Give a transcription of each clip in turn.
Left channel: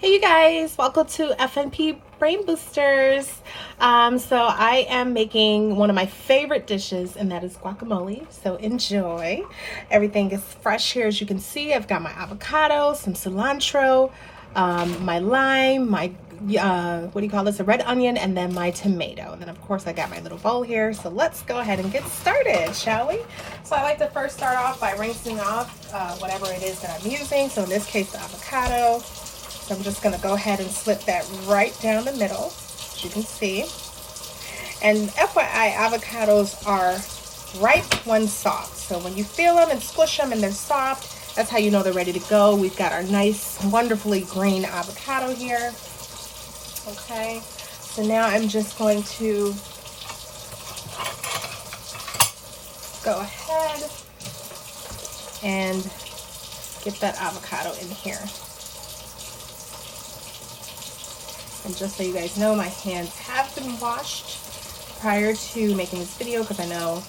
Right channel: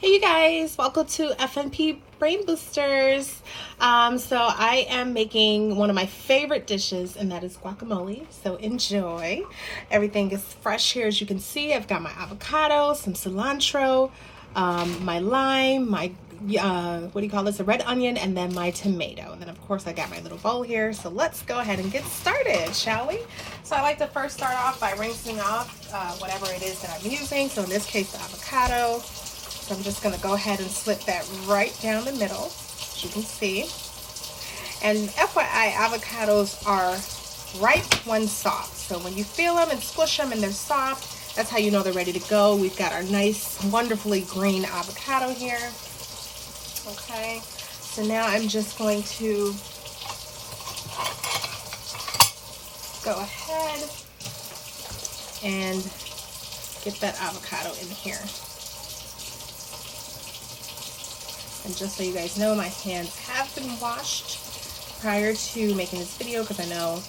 Hey you guys, welcome to FNP Brain Boosters. So I am making one of my favorite dishes, and that is guacamole. So enjoy. Everything is fresh here, as you can see. I've got my avocado, some cilantro, my lime, my what do you call this? A red onion, and then my tomato. And then of course I got my little bowl here. So let's go ahead and get started, shall we? So I like to first start off by rinsing off whatever it is that I'm using. So in this case, the avocado. So I'm just going to go ahead and slip that right down the middle, as you can see. And FYI, avocados are ripe when soft. So when you feel them and squish them and they're soft, that's how you know they're ready to go. We've got our nice, wonderfully green avocado here. Okay, so now I'm just going to go ahead and get that avocado in here. And just so you guys know, my hands have been washed prior to making this video, because I know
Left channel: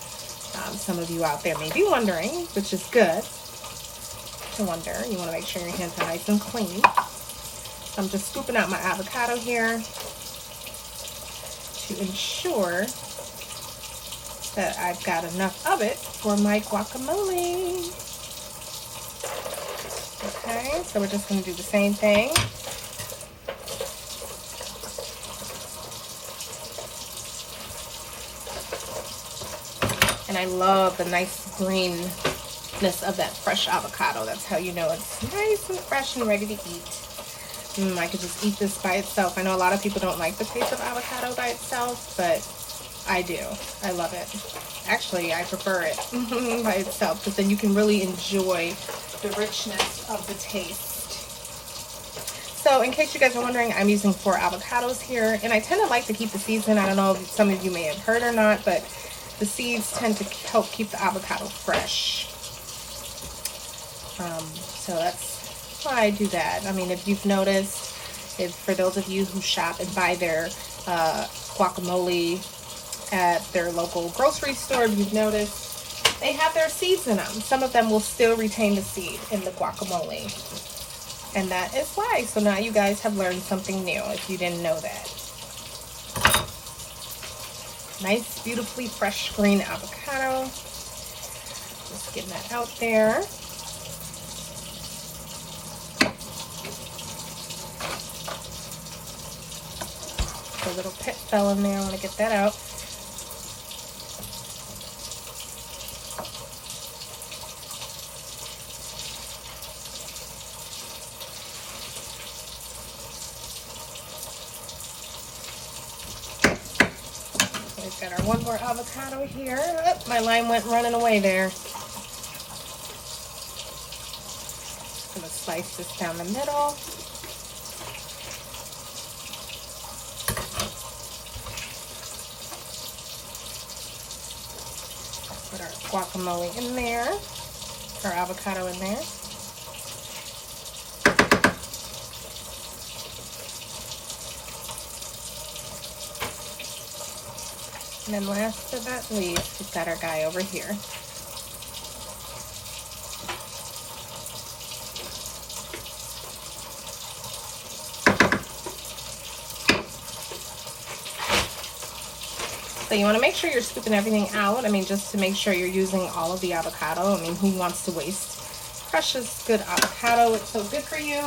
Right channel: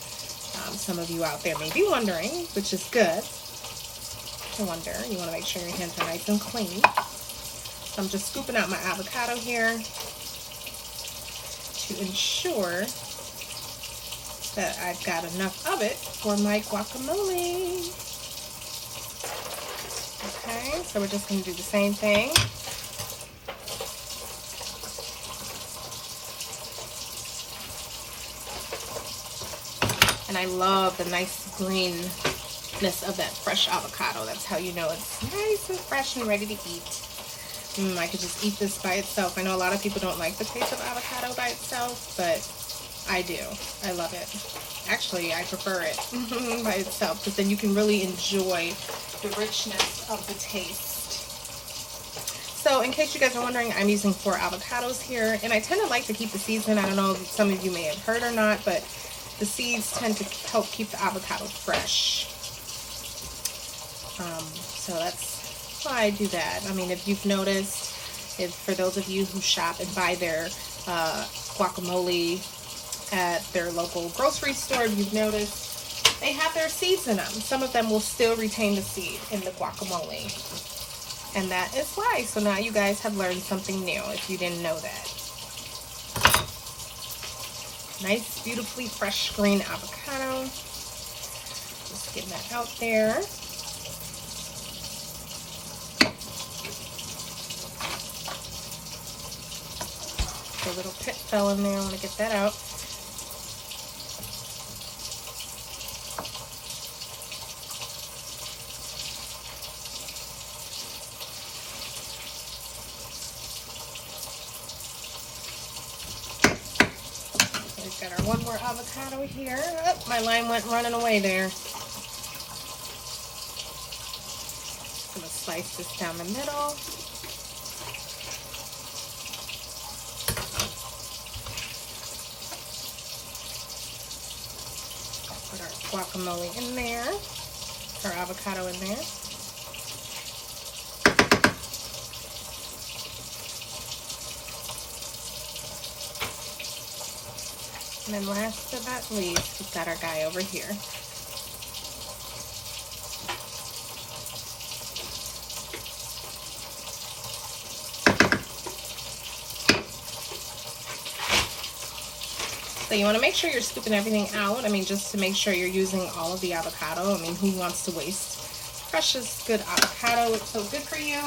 some of you out there may be wondering, which is good to wonder. You want to make sure your hands are nice and clean. So I'm just scooping out my avocado here to ensure that I've got enough of it for my guacamole. Okay, so we're just going to do the same thing. And I love the nice greenness of that fresh avocado. That's how you know it's nice and fresh and ready to eat. I could just eat this by itself. I know a lot of people don't like the taste of avocado by itself, but I do. I love it. Actually, I prefer it by itself, because then you can really enjoy the richness of the taste. So in case you guys are wondering, I'm using 4 avocados here, and I tend to like to keep the seeds in. I don't know if some of you may have heard or not, but the seeds tend to help keep the avocado fresh. So that's why I do that. I mean, if you've noticed, for those of you who shop and buy their guacamole at their local grocery store, if you've noticed, they have their seeds in them. Some of them will still retain the seed in the guacamole. And that is why. So now you guys have learned something new if you didn't know that. Nice, beautifully fresh green avocado. Just getting that out there. The little pit fell in there. I want to get that out. We've got our one more avocado here. Oh, my line went running away there. Just gonna slice this down the middle. Put our guacamole in there, our avocado in there. And then last but not least, we've got our guy over here. So you want to make sure you're scooping everything out. I mean, just to make sure you're using all of the avocado. I mean, who wants to waste precious good avocado? It's so good for you.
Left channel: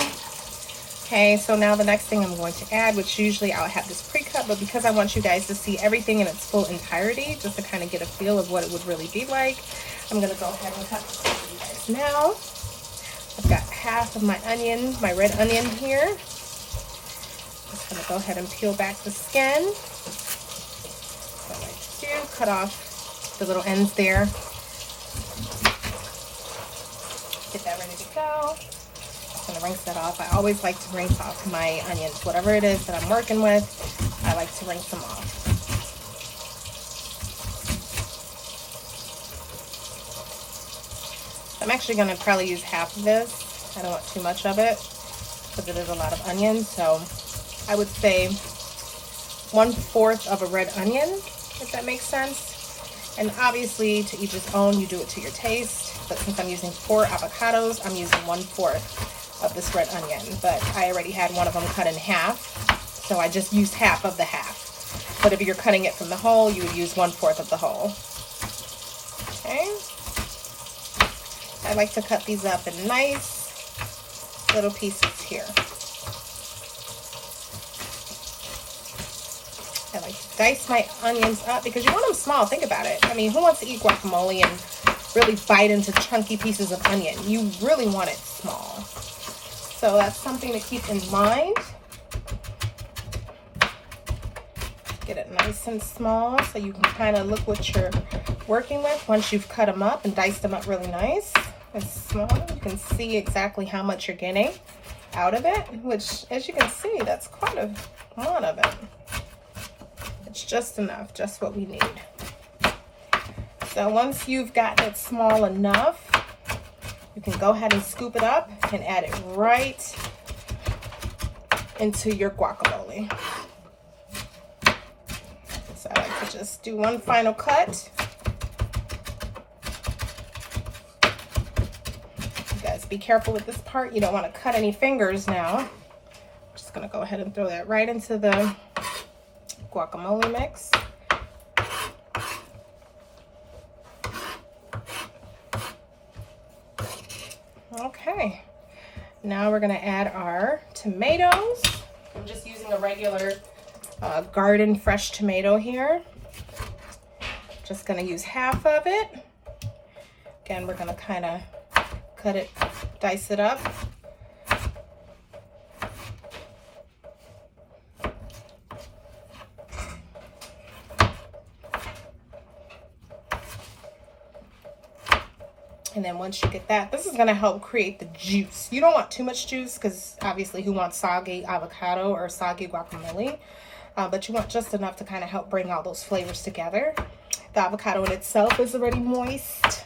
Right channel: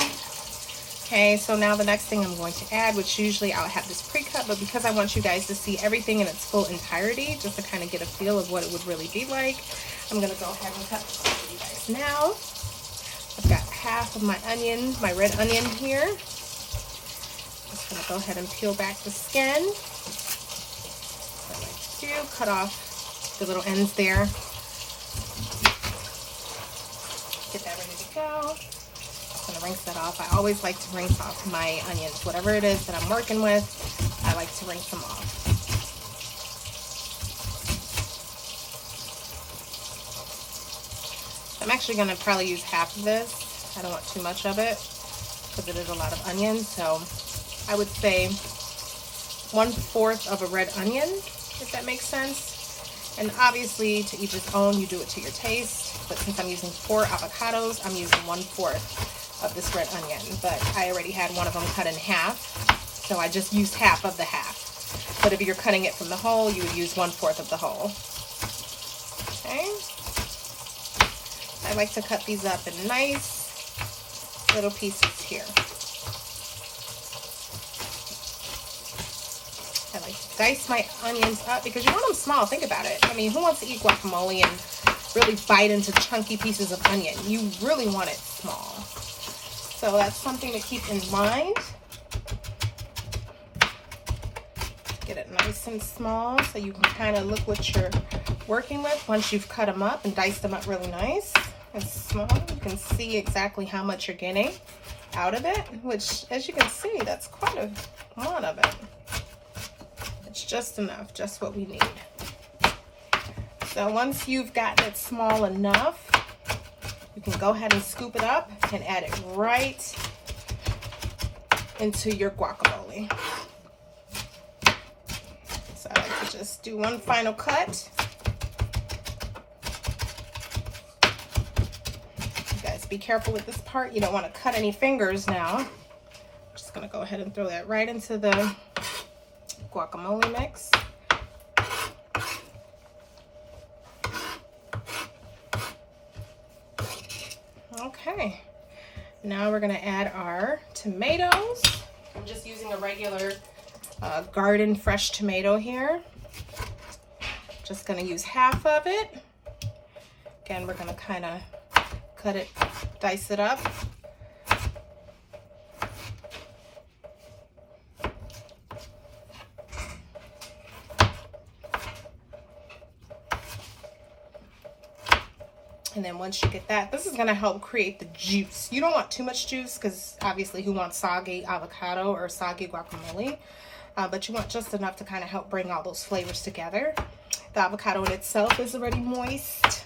Okay, so now the next thing I'm going to add, which usually I'll have this pre-cut, but because I want you guys to see everything in its full entirety, just to kind of get a feel of what it would really be like, I'm going to go ahead and cut this for you guys now. I've got half of my onion, my red onion here. Just going to go ahead and peel back the skin. What I like to do, cut off the little ends there. Get that ready to go. I'm going to rinse that off. I always like to rinse off my onions. Whatever it is that I'm working with, I like to rinse them off. I'm actually going to probably use half of this. I don't want too much of it because it is a lot of onions. So I would say 1/4 of a red onion, if that makes sense. And obviously, to each his own, you do it to your taste. But since I'm using 4 avocados, I'm using 1/4 of this red onion, but I already had one of them cut in half, so I just used half of the half. But if you're cutting it from the whole, you would use 1/4 of the whole. Okay. I like to cut these up in nice little pieces here. I like to dice my onions up because you want them small. Think about it. I mean, who wants to eat guacamole and really bite into chunky pieces of onion? You really want it small. So that's something to keep in mind. Get it nice and small so you can kind of look what you're working with once you've cut them up and diced them up really nice and small. You can see exactly how much you're getting out of it, which, as you can see, that's quite a lot of it. It's just enough, just what we need. So once you've gotten it small enough, you can go ahead and scoop it up and add it right into your guacamole. So I like to just do one final cut. You guys be careful with this part. You don't want to cut any fingers now. I'm just going to go ahead and throw that right into the guacamole mix. Okay, now we're going to add our tomatoes. I'm just using a regular garden fresh tomato here. Just going to use half of it. Again, we're going to kind of cut it, dice it up. And then once you get that, this is going to help create the juice. You don't want too much juice because obviously who wants soggy avocado or soggy guacamole? But you want just enough to kind of help bring all those flavors together. The avocado in itself is already moist,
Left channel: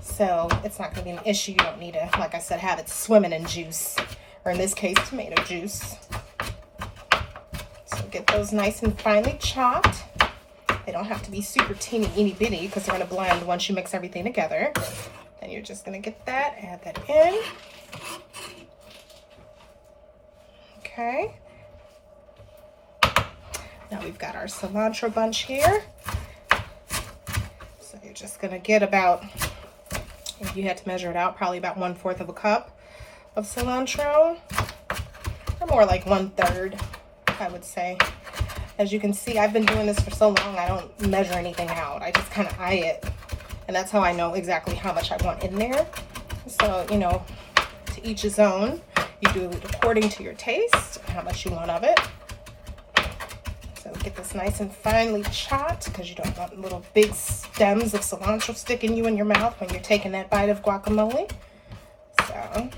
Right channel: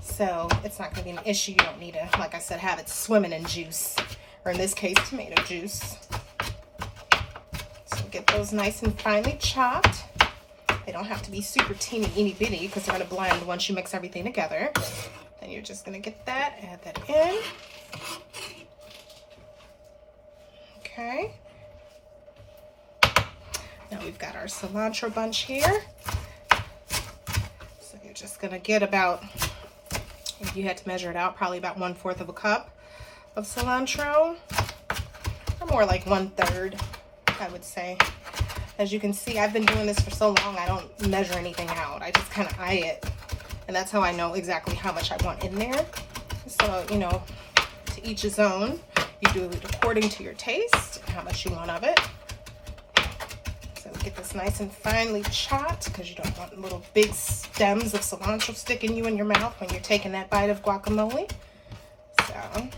so it's not going to be an issue. You don't need to, like I said, have it swimming in juice, or in this case, tomato juice. So get those nice and finely chopped. They don't have to be super teeny bitty because they're going to blend once you mix everything together. And you're just going to get that, add that in. Okay. Now we've got our cilantro bunch here. So you're just going to get about, if you had to measure it out, probably about 1/4 of a cup of cilantro. Or more like 1/3, I would say. As you can see, I've been doing this for so long, I don't measure anything out. I just kind of eye it. And that's how I know exactly how much I want in there. So, you know, to each his own. You do it according to your taste, how much you want of it. So get this nice and finely chopped because you don't want little big stems of cilantro sticking you in your mouth when you're taking that bite of guacamole. So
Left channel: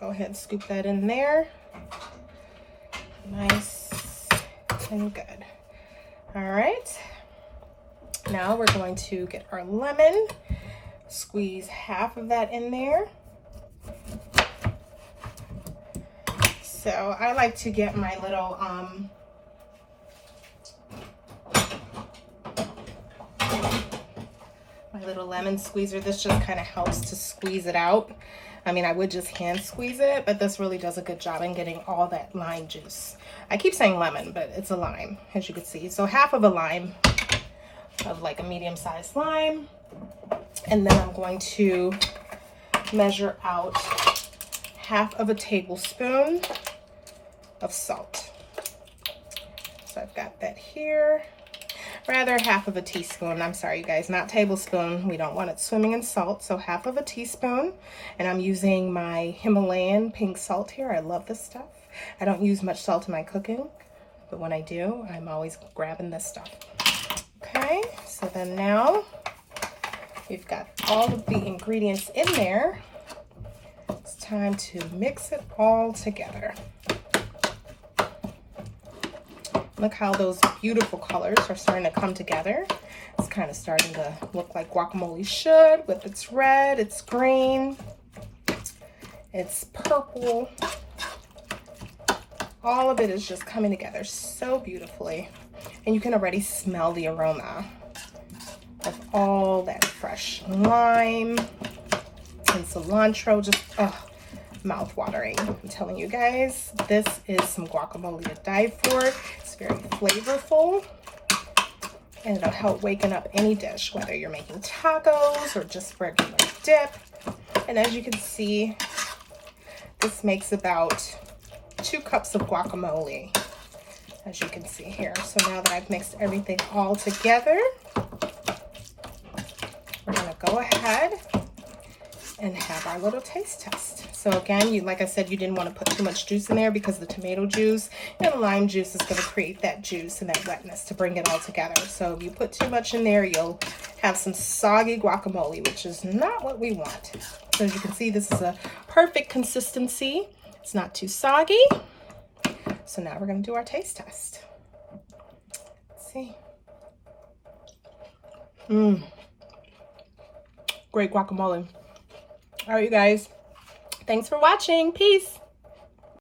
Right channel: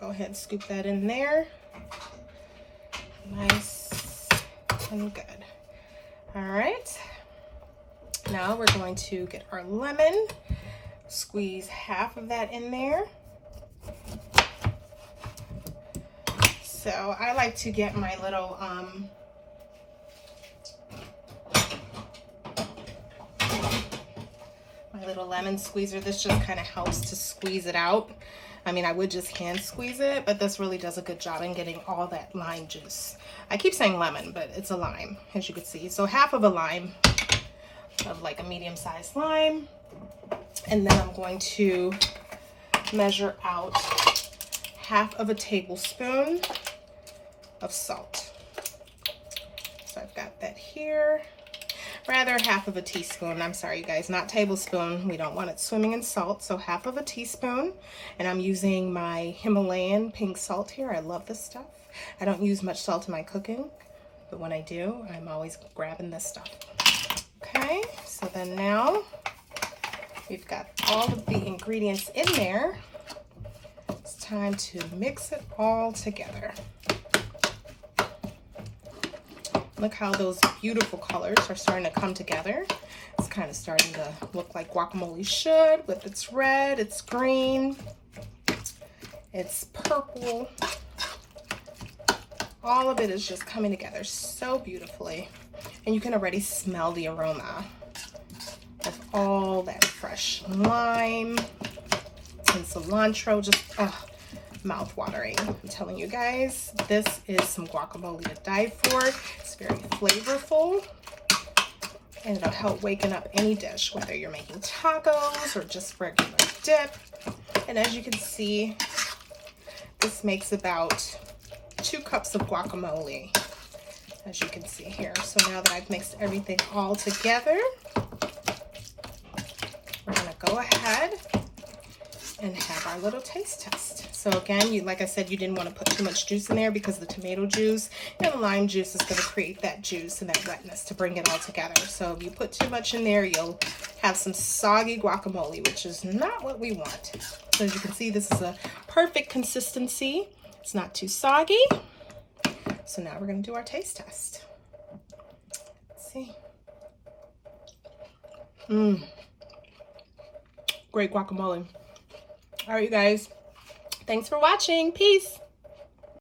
go ahead and scoop that in there. Nice and good. All right. Now we're going to get our lemon, squeeze half of that in there. So I like to get my little lemon squeezer. This just kind of helps to squeeze it out. I mean, I would just hand squeeze it, but this really does a good job in getting all that lime juice. I keep saying lemon, but it's a lime, as you can see. So half of a lime, of like a medium-sized lime. And then I'm going to measure out half of a tablespoon of salt. So I've got that here. Rather, half of a teaspoon. I'm sorry, you guys, not tablespoon. We don't want it swimming in salt. So half of a teaspoon. And I'm using my Himalayan pink salt here. I love this stuff. I don't use much salt in my cooking, but when I do, I'm always grabbing this stuff. Okay, so then now we've got all of the ingredients in there. It's time to mix it all together. Look how those beautiful colors are starting to come together. It's kind of starting to look like guacamole should, with its red, it's green, it's purple. All of it is just coming together so beautifully. And you can already smell the aroma of all that fresh lime and cilantro. Just, mouth-watering. I'm telling you guys, this is some guacamole to die for. It's very flavorful, and it'll help waken up any dish, whether you're making tacos or just regular dip. And as you can see, this makes about 2 cups of guacamole, as you can see here. So now that I've mixed everything all together, we're gonna go ahead and have our little taste test. So again, like I said, you didn't want to put too much juice in there because the tomato juice and the lime juice is going to create that juice and that wetness to bring it all together. So if you put too much in there, you'll have some soggy guacamole, which is not what we want. So as you can see, this is a perfect consistency. It's not too soggy. So now we're going to do our taste test. Let's see. Great guacamole. All right, you guys. Thanks for watching. Peace.